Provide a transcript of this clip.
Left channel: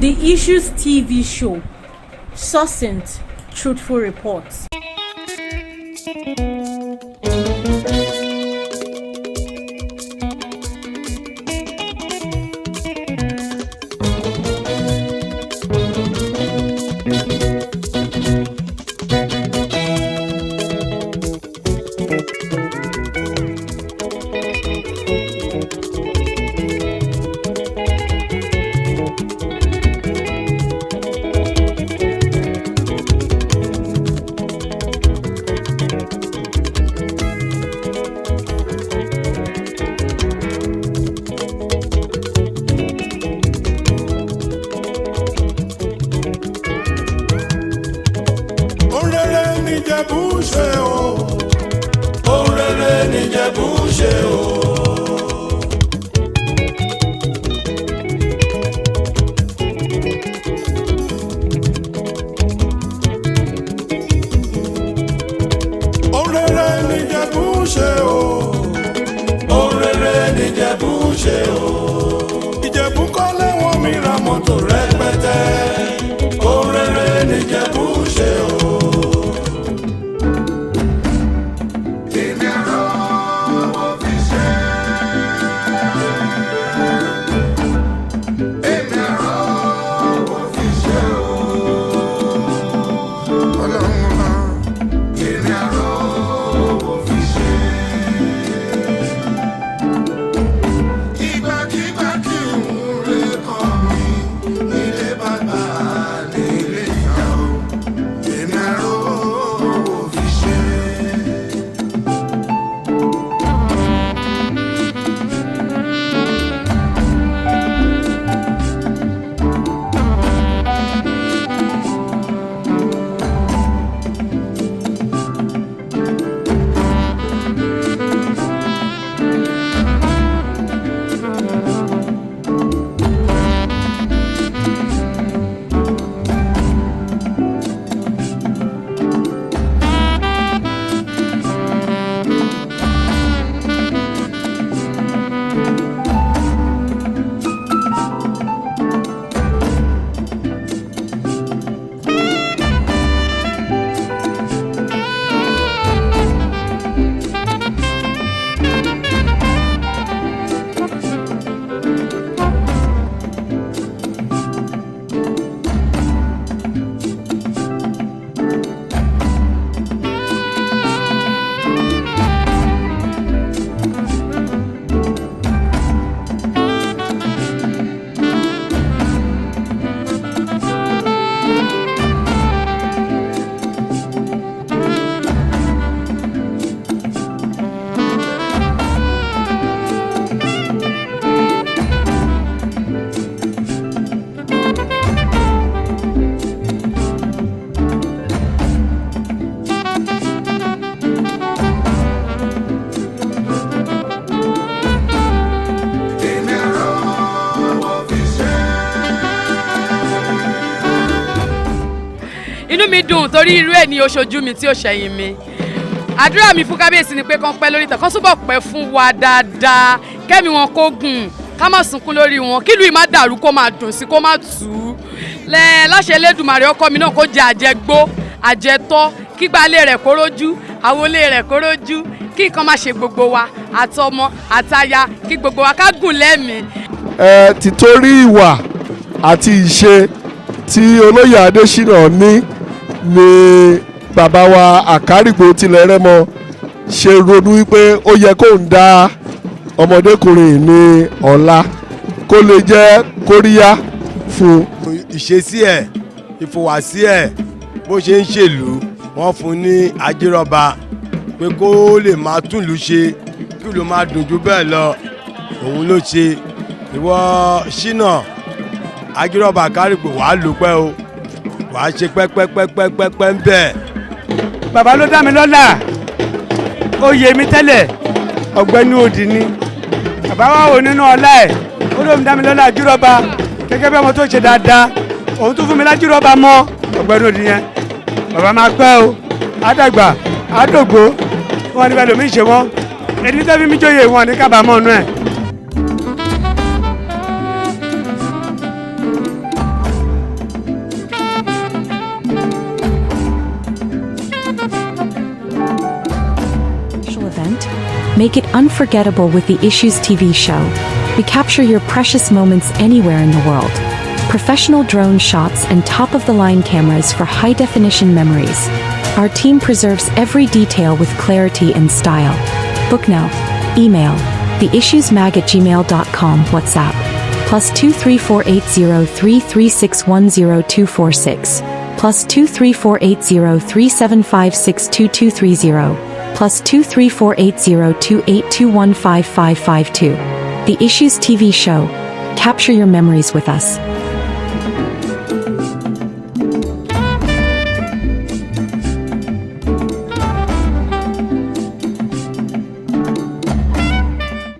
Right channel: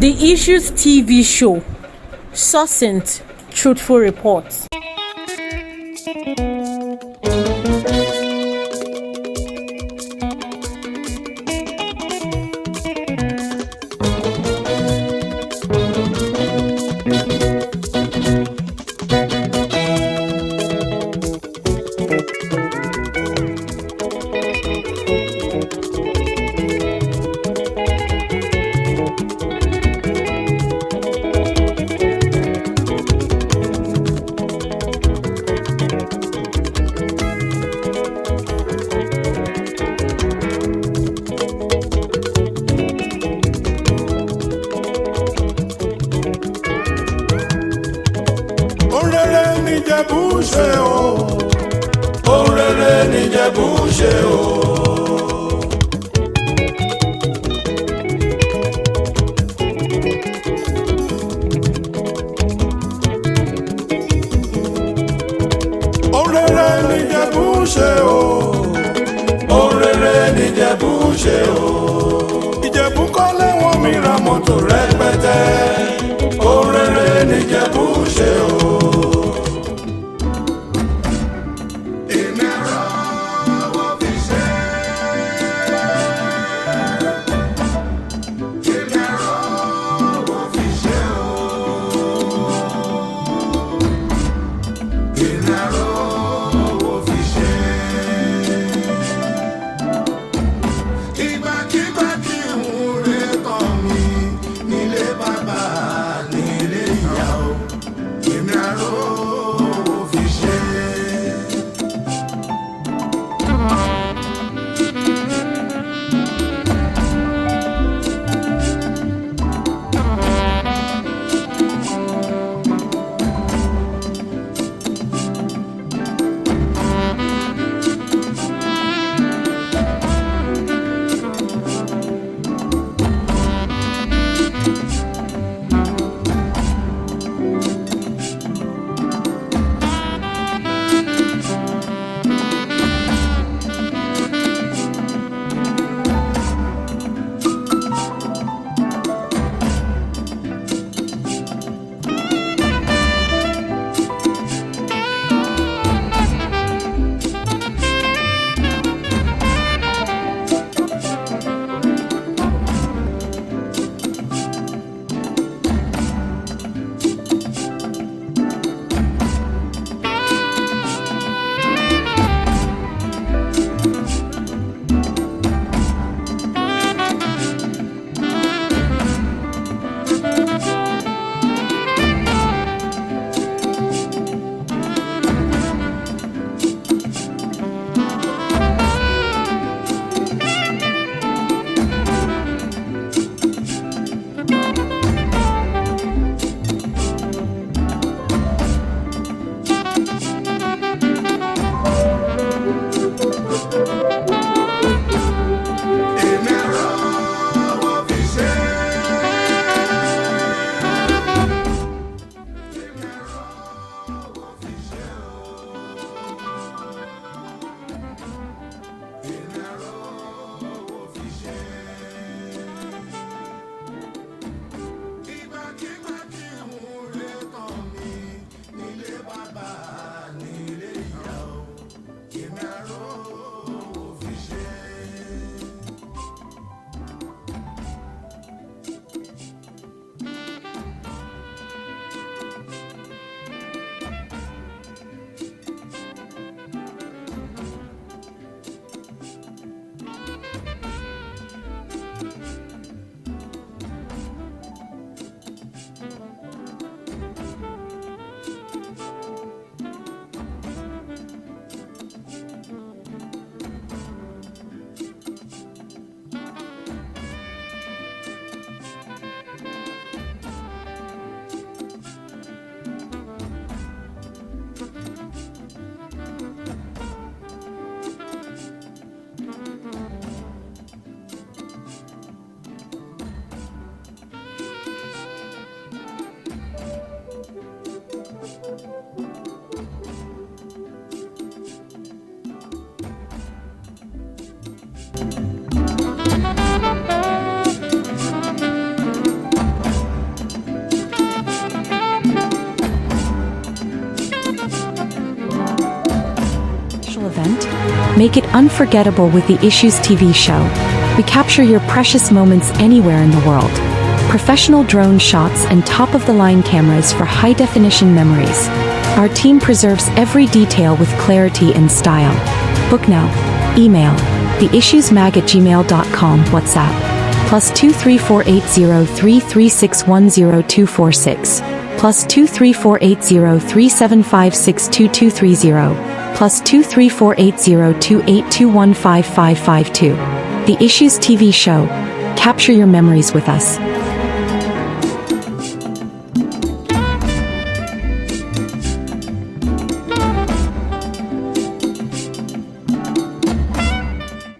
The Issues TV show. Succinct, truthful reports. Ìjẹ̀bú kọ́lé wọn mi ra mọ́tò rẹpẹtẹ. Orere n'Ìjẹ̀bú ṣe o. Èmi àrò owó fi ṣe. Èmi àrò owó fi ṣe o. Èmi àrò owó fi ṣe. Torí irú ẹ̀ ni oṣojú mi tí ó ṣẹ̀yìn mi. Àdúrà mi fún kábíyèsí ni pé kán pẹ́ lórí ìtàn, kán túbọ̀ pẹ́ fún wa dáadáa, kẹ́mi wọn kó gùn, ká má sunkún lórí wọn, kílùú yìí má dàrú kó má dùn sí kó má tù ú. Láṣẹ Elédùmarè ọkọ mi náà kó jẹ àjẹgbó, àjẹtọ́, kígbálé rẹ̀ kó rójú, àwọlé rẹ̀ kó rójú, kí nǹkan má ṣe gbogbo wa, àtọmọ, àtaya, kí gbogbo wa ká gùn lẹ́mìí. Títorí ìwà àti ìṣe tí olóyè Adesina ní ni bàbá wa Akarigbo tilẹ̀ Rẹ́mọ ṣe ronú wípé ó yẹ kó ń dá ọmọdékùnrin ní ọlá kó lè jẹ́ kóríyá fún. Ìṣesí ẹ̀, ìfòwàsí ẹ̀, bó ṣe ń ṣèlú wọ́n fún ní Ajiroba pé kó lè máa túlù ṣe kí ló máa dùn jù bẹ́ẹ̀ lọ òun ló ṣe. Ìwọ Ṣínà Ajiroba Akarigbo wàá lò pẹ́ o, wàá ṣe pẹ́pẹ́pẹ́pẹ́pẹ́ ń bẹ̀. Bàbá ló dá mi lọ́lá, ó yé mi tẹ́lẹ̀, ọ̀gbẹ́ni òdì ni. Bàbá wa wò nínú ọlá ẹ̀, ó lóun dá mi lọ́lá Ajiroba gẹ́gẹ́ bí ọmọ tó ṣe dáadáa, òun tún fún mi l'Ajiroba mọ́ ọ̀gbẹ́ni òdì yẹn. Bàbá máa pẹ́ o, àdàgbà, àdògbò, wọn ní bẹ́ẹ̀ lómi ṣe wọ́n, ẹni tẹ́ fi mí jóye wọn ní kábàámọ̀ nú ẹ̀. Make it unforgettable with the Issues TV show. We capture your precious moments anywhere in the world. Professional drone shots and top-of-the-line cameras for high-definition memories. Our team preserves every detail with clarity and style. Book now. Email theissuesmag@gmail.com. WhatsApp +2348033610246 +2348037562230 +2348028215552. The Issues TV show. Capture your memories with us.